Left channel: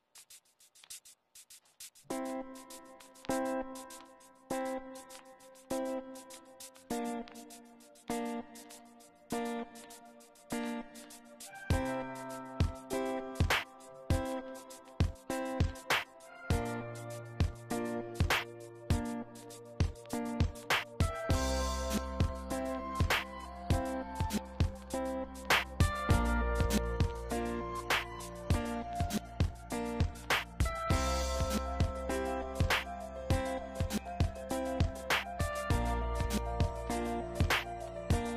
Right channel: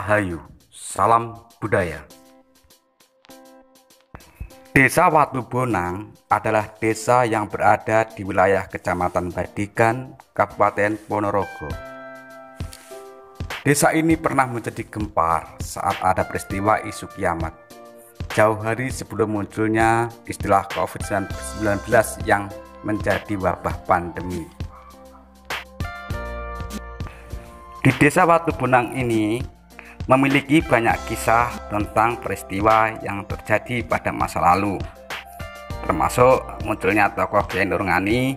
Rahayu, salam budaya. Desa Watubonang adalah desa yang berada di wilayah Kecamatan Badikan, Kabupaten Ponorogo. Desa ini pernah menjadi gempar saat ada peristiwa isu kiamat, jauh hari sebelum munculnya istilah COVID-19 yang menjadi wabah pandemi. Di Desa Watubonang ini memiliki banyak kisah tentang peristiwa yang terjadi pada masa lalu, termasuk munculnya tokoh Kyai Nurngani,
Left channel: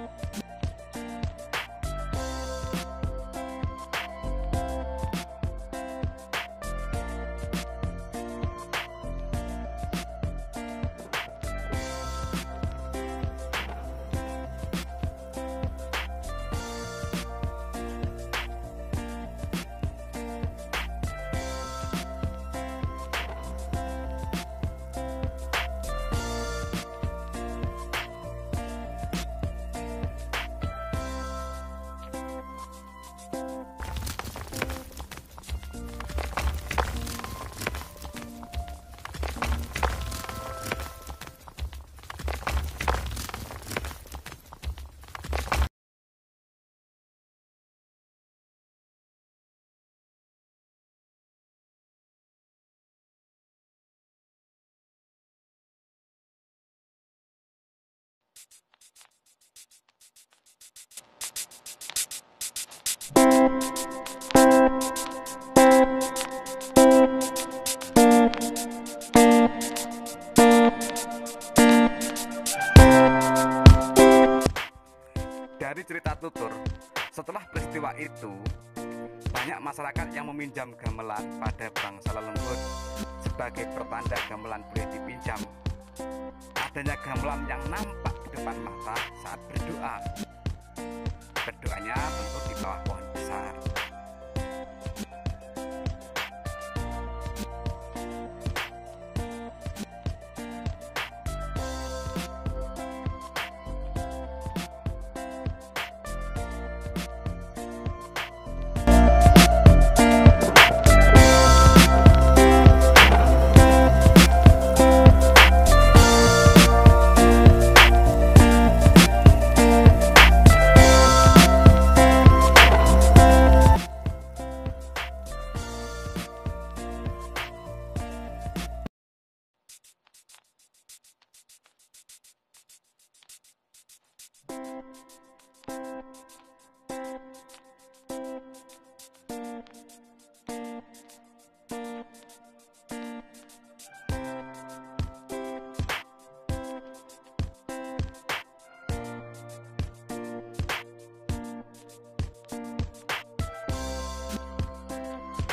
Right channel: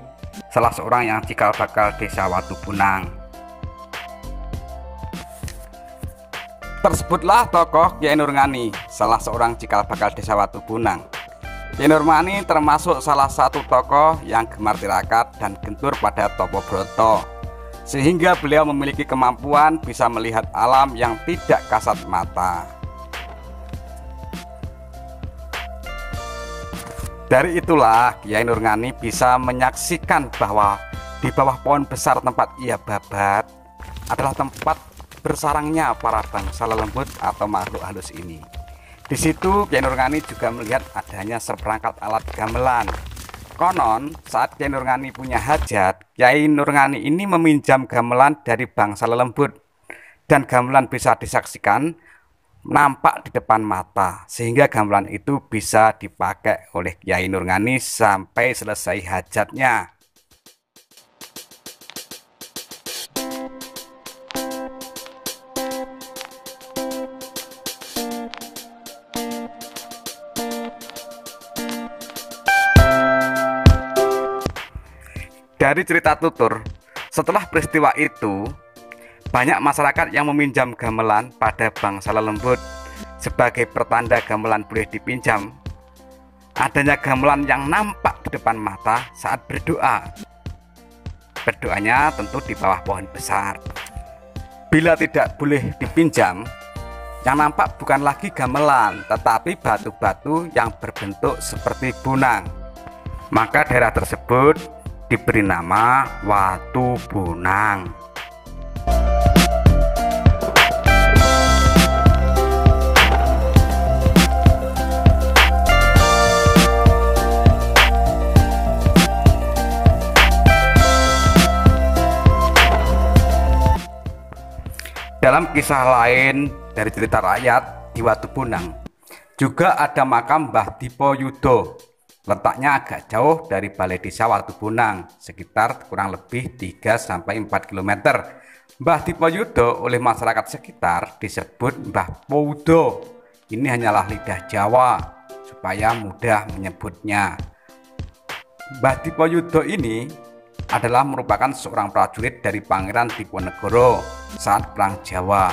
salah seorang yang cikal bakal Desa Watubonang. Tersebutlah tokoh Kyai Nurngani, salah seorang cikal bakal Desa Watubonang. Kyai Nurngani termasuk salah satu tokoh yang gemar tirakat dan gentur pada Topo Broto, sehingga beliau memiliki kemampuan bisa melihat alam yang tidak kasat mata. Dari itulah Kyai Nurngani bisa menyaksikan bahwa di bawah pohon besar tempat ia babat adalah tempat bersarangnya para bangsa lelembut atau makhluk halus ini. Di situ Kyai Nurngani juga melihat adanya seperangkat alat gamelan. Konon saat Kyai Nurngani punya hajat, Kyai Nurngani ini meminjam gamelan dari bangsa lelembut, dan gamelan bisa disaksikan nampak di depan mata, sehingga gamelan itu bisa dipakai oleh Kyai Nurngani sampai selesai hajatnya. Dari cerita tutur, setelah peristiwa itu, banyak masyarakat yang meminjam gamelan pada bangsa lelembut sebagai pertanda gamelan boleh dipinjam. Adanya gamelan yang nampak di depan mata saat berdoa. Berdoanya tentu di bawah pohon besar. Bila tidak boleh dipinjam, yang nampak bukan lagi gamelan, tetapi batu-batu yang berbentuk seperti bonang. Maka daerah tersebut diberi nama Watubonang. Dalam kisah lain dari cerita rakyat di Watubonang juga ada makam Mbah Dipo Yudo. Letaknya agak jauh dari balai desa Watubonang, sekitar kurang lebih 3-4 km. Mbah Dipo Yudo oleh masyarakat sekitar disebut Mbah Poudo. Ini hanyalah lidah Jawa supaya mudah menyebutnya. Mbah Dipo Yudo ini adalah merupakan seorang prajurit dari Pangeran Diponegoro saat Perang Jawa.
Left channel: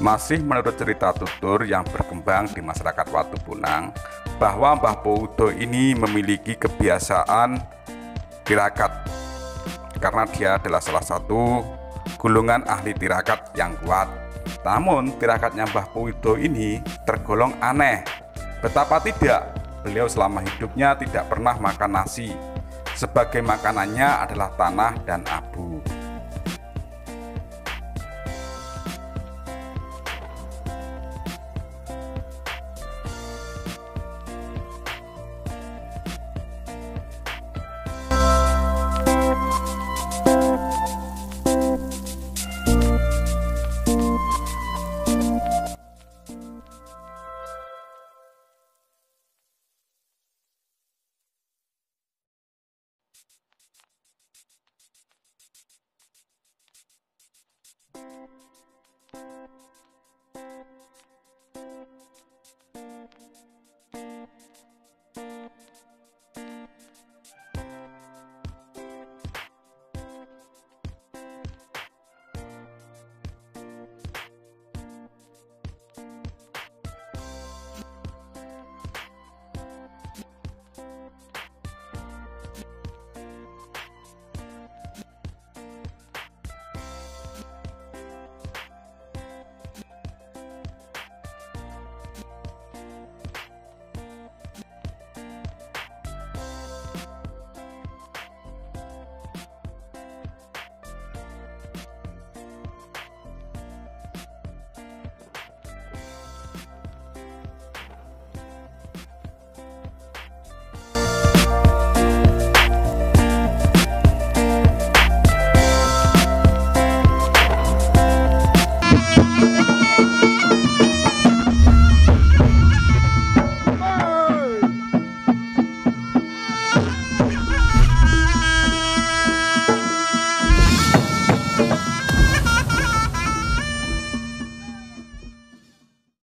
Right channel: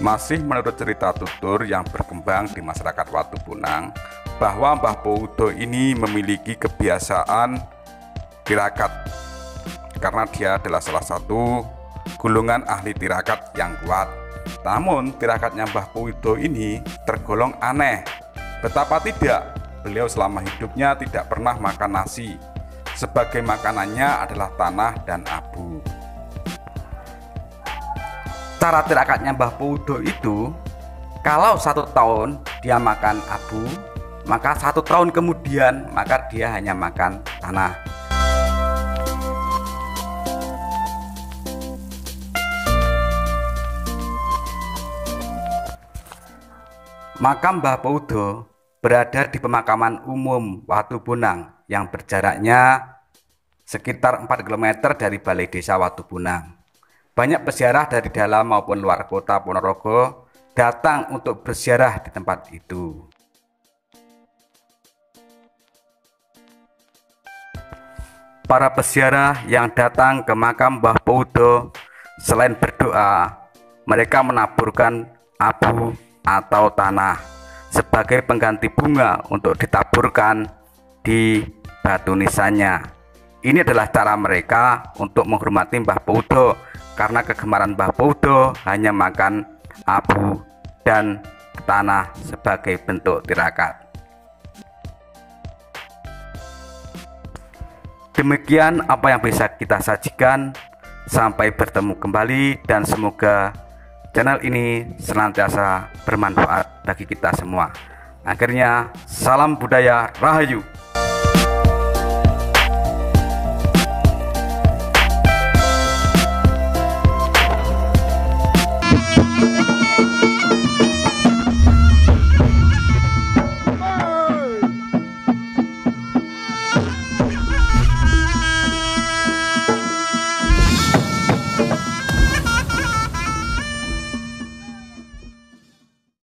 Masih menurut cerita tutur yang berkembang di masyarakat Watubonang, bahwa Mbah Poudo ini memiliki kebiasaan tirakat karena dia adalah salah satu golongan ahli tirakat yang kuat. Namun tirakatnya Mbah Poudo ini tergolong aneh. Betapa tidak, beliau selama hidupnya tidak pernah makan nasi. Sebagai makanannya adalah tanah dan abu. Cara tirakatnya Mbah Poudo itu, kalau 1 tahun dia makan abu, maka 1 tahun kemudian maka dia hanya makan tanah. Makam Mbah Poudo berada di pemakaman umum Watubonang yang berjaraknya sekitar 4 km dari balai desa Watubonang. Banyak peziarah dari dalam maupun luar kota Ponorogo datang untuk berziarah di tempat itu. Para peziarah yang datang ke makam Mbah Poudo selain berdoa, mereka menaburkan abu atau tanah sebagai pengganti bunga untuk ditaburkan di batu nisannya. Ini adalah cara mereka untuk menghormati Mbah Poudo, karena kegemaran Mbah Poudo hanya makan abu dan tanah sebagai bentuk tirakat. Demikian apa yang bisa kita sajikan. Sampai bertemu kembali dan semoga channel ini senantiasa bermanfaat bagi kita semua. Akhirnya, salam budaya Rahayu.